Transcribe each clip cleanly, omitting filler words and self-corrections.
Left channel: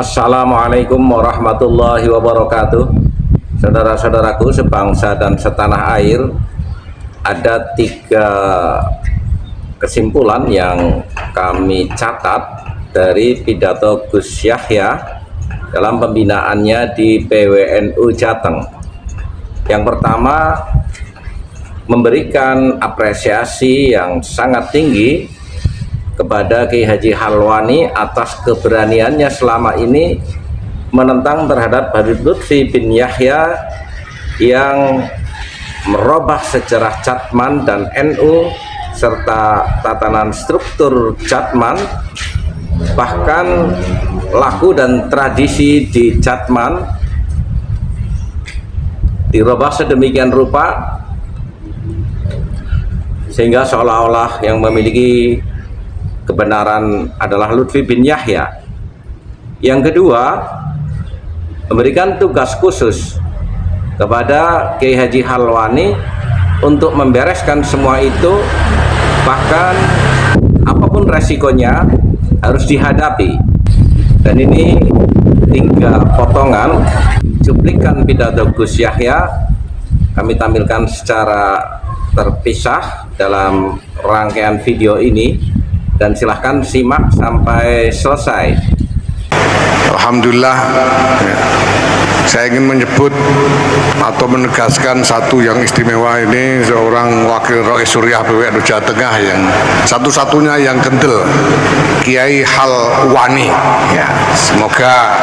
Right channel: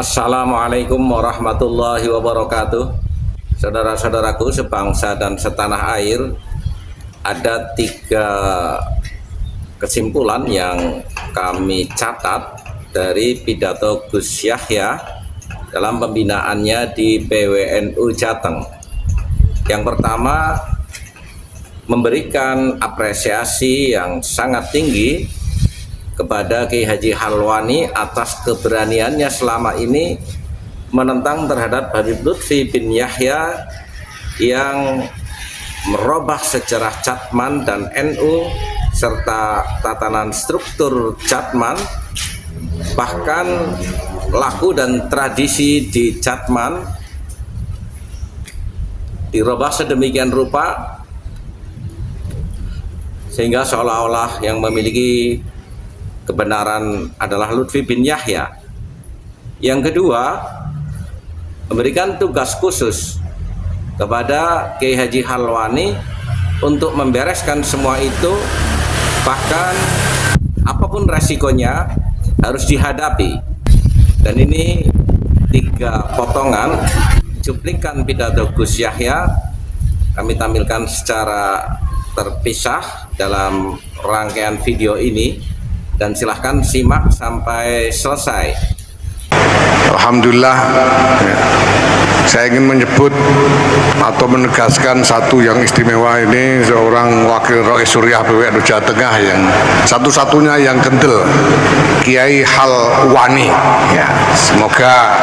Assalamualaikum warahmatullahi wabarakatuh. Saudara-saudaraku sebangsa dan setanah air, ada 3 kesimpulan yang kami catat dari pidato Gus Yahya dalam pembinaannya di PWNU Jateng. Yang pertama, memberikan apresiasi yang sangat tinggi kepada Kiai Haji Halwani atas keberaniannya selama ini menentang terhadap Habib Lutfi bin Yahya yang merubah sejarah Jatman dan NU serta tatanan struktur Jatman, bahkan laku dan tradisi di Jatman dirubah sedemikian rupa sehingga seolah-olah yang memiliki kebenaran adalah Lutfi bin Yahya. Yang kedua, memberikan tugas khusus kepada Kiai Haji Halwani untuk membereskan semua itu, bahkan apapun resikonya harus dihadapi. Dan ini 3 potongan cuplikan pidato Gus Yahya kami tampilkan secara terpisah dalam rangkaian video ini, dan silahkan simak sampai selesai. Alhamdulillah, saya ingin menyebut atau menegaskan satu yang istimewa. Ini seorang wakil Rois Suriah PWNU Jawa Tengah yang satu-satunya yang kendel, Kiai Halwani. Ya, semoga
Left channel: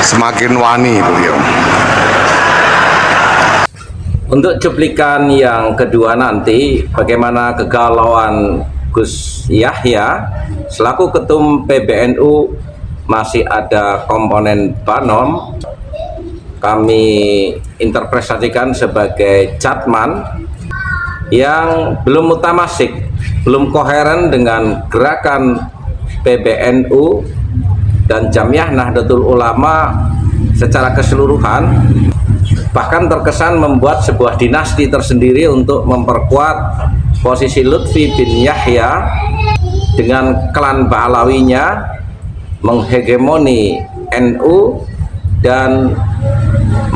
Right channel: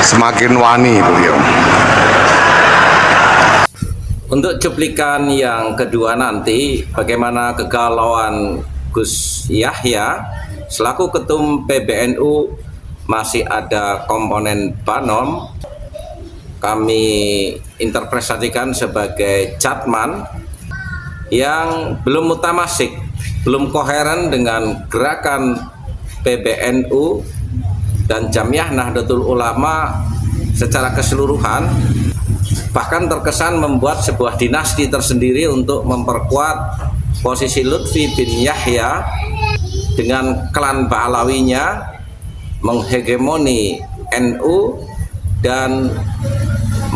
semakin wani beliau. Untuk cuplikan yang kedua nanti, bagaimana kegalauan Gus Yahya selaku ketum PBNU, masih ada komponen Banom, kami interpretasikan sebagai Jatman yang belum mutamasik, belum koheren dengan gerakan PBNU dan Jamiah Nahdlatul Ulama secara keseluruhan, bahkan terkesan membuat sebuah dinasti tersendiri untuk memperkuat posisi Lutfi bin Yahya dengan klan Ba'alawinya, menghegemoni NU dan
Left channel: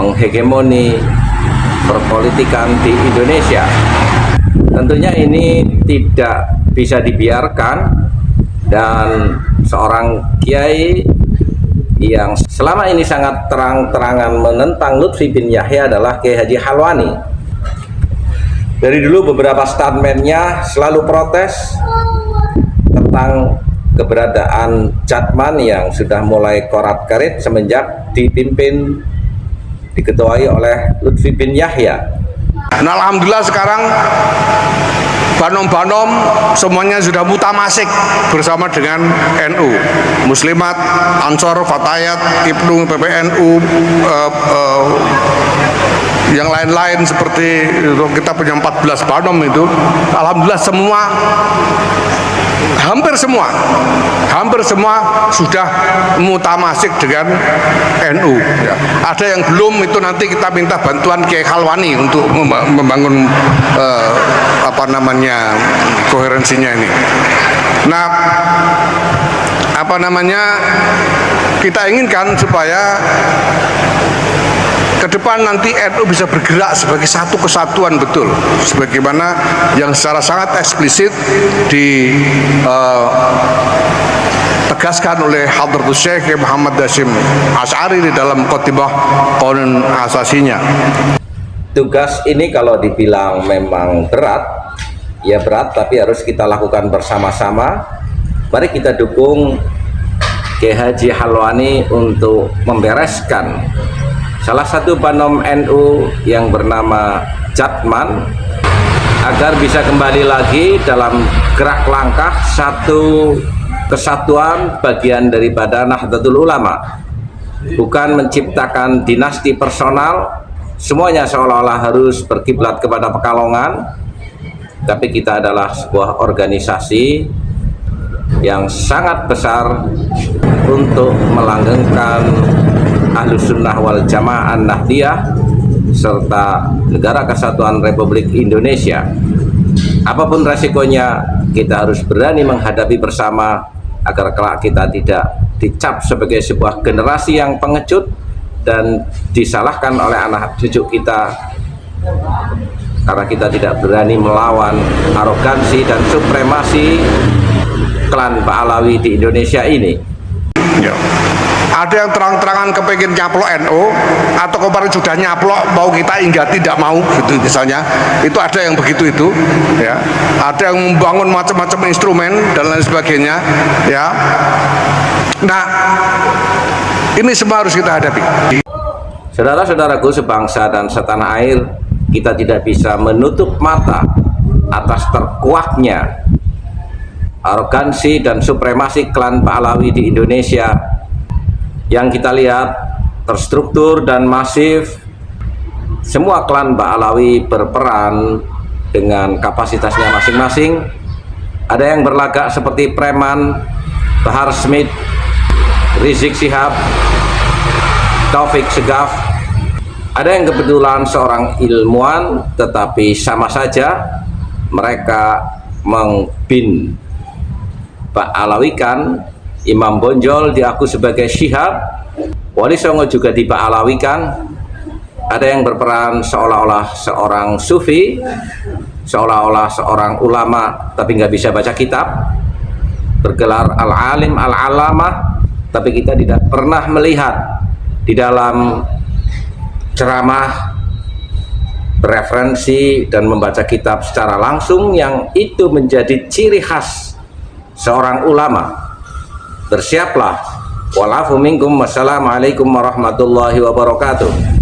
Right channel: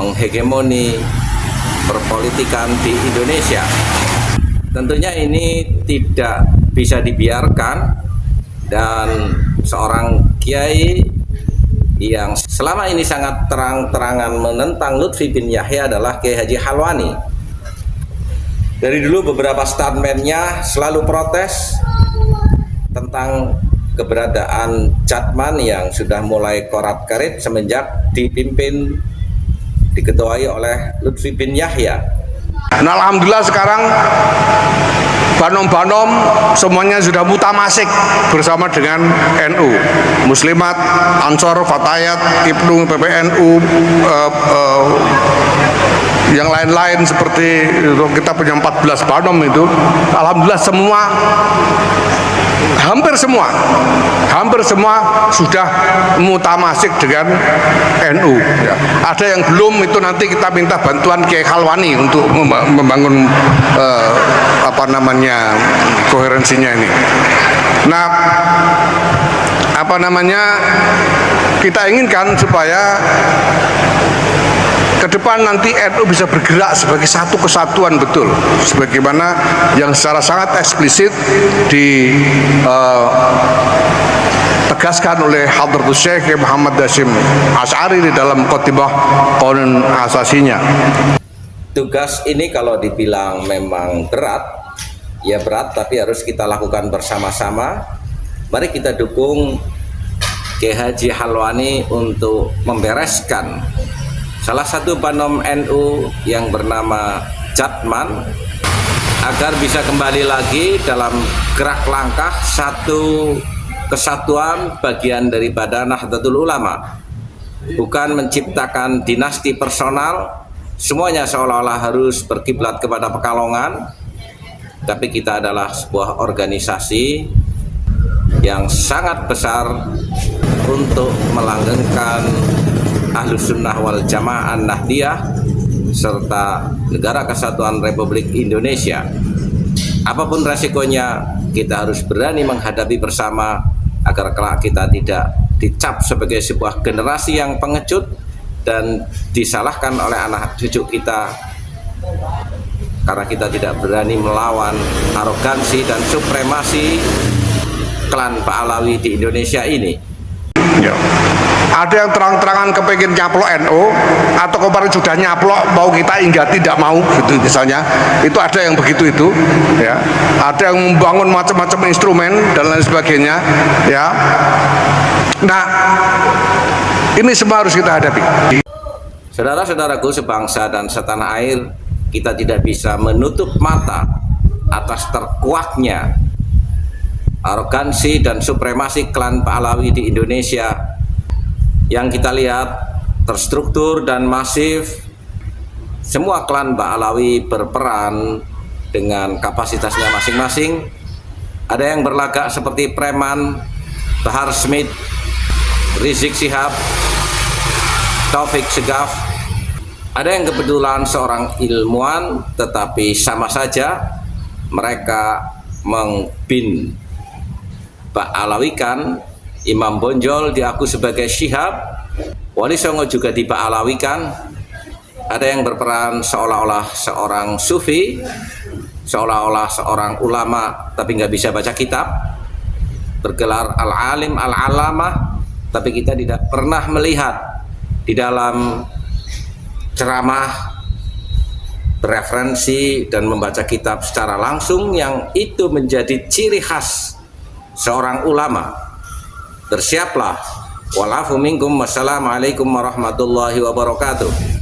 menghegemoni perpolitikan di Indonesia. Tentunya ini tidak bisa dibiarkan, dan seorang kiai yang selama ini sangat terang-terangan menentang Lutfi bin Yahya adalah Kiai Haji Halwani. Dari dulu beberapa statementnya selalu protes tentang keberadaan Jatman yang sudah mulai korat-karit semenjak diketuai oleh Lutfi bin Yahya. Nah, alhamdulillah sekarang Banom-banom semuanya sudah mutamasik bersama dengan NU, Muslimat, Ansor, Fatayat, Ibnu, PBNU, yang lain-lain seperti kita punya 14 Banom itu. Alhamdulillah hampir semua sudah mutamasik dengan NU. Ya. Ada yang belum, itu nanti kita minta bantuan Kiai Halwani untuk membangun koherensinya ini. Nah, kita inginkan supaya ke depan nanti NU bisa bergerak sebagai satu kesatuan betul, sebagaimana yang secara sangat eksplisit ditegaskan oleh Hadratus Syekh Muhammad Hasyim Asy'ari di dalam Qotibah Qanun Asasinya. Tugas ini kalau dibilang memang berat, ya berat, tapi harus kita lakukan bersama-sama. Mari kita dukung Kiai Haji Halwani untuk membereskan salah satu Banom NU yang bernama Jatman agar bisa kembali lagi dalam gerak langkah satu kesatuan bagian daripada Nahdlatul Ulama, bukan menciptakan dinasti personal. Semuanya seolah-olah harus berkiblat kepada Pekalongan, tapi kita adalah sebuah organisasi yang sangat besar untuk melanggengkan Ahlus Sunnah wal Jamaah Nahdiyah serta Negara Kesatuan Republik Indonesia. Apapun resikonya, kita harus berani menghadapi bersama agar kelak kita tidak dicap sebagai sebuah generasi yang pengecut dan disalahkan oleh anak cucu kita karena kita tidak berani melawan arogansi dan supremasi klan Pahlawi di Indonesia ini. Ya. Ada yang terang-terangan kepingin nyaplok NU atau kemarin sudah nyaplok mau kita hingga tidak mau gitu misalnya, itu ada yang begitu itu ya, ada yang membangun macam-macam instrumen dan lain sebagainya ya. Nah, ini semua harus kita hadapi. Saudara-saudaraku sebangsa dan setanah air, kita tidak bisa menutup mata atas terkuaknya arogansi dan supremasi klan Pahlawi di Indonesia yang kita lihat terstruktur dan masif. Semua klan Pahlawi berperan dengan kapasitasnya masing-masing. Ada yang berlagak seperti preman, Bahar Smith, Rizik Syihab, Taufik Segaf. Ada yang kebetulan seorang ilmuwan, tetapi sama saja mereka mengbin Pahlawikan. Imam Bonjol diaku sebagai Syihab, Wali Songo juga dipahlawikan. Ada yang berperan seolah-olah seorang sufi, seolah-olah seorang ulama tapi nggak bisa baca kitab, bergelar al-alim al-alamah, tapi kita tidak pernah melihat di dalam ceramah bereferensi dan membaca kitab secara langsung yang itu menjadi ciri khas seorang ulama. Bersiaplah. Walafu minkum. Wassalamualaikum warahmatullahi wabarakatuh.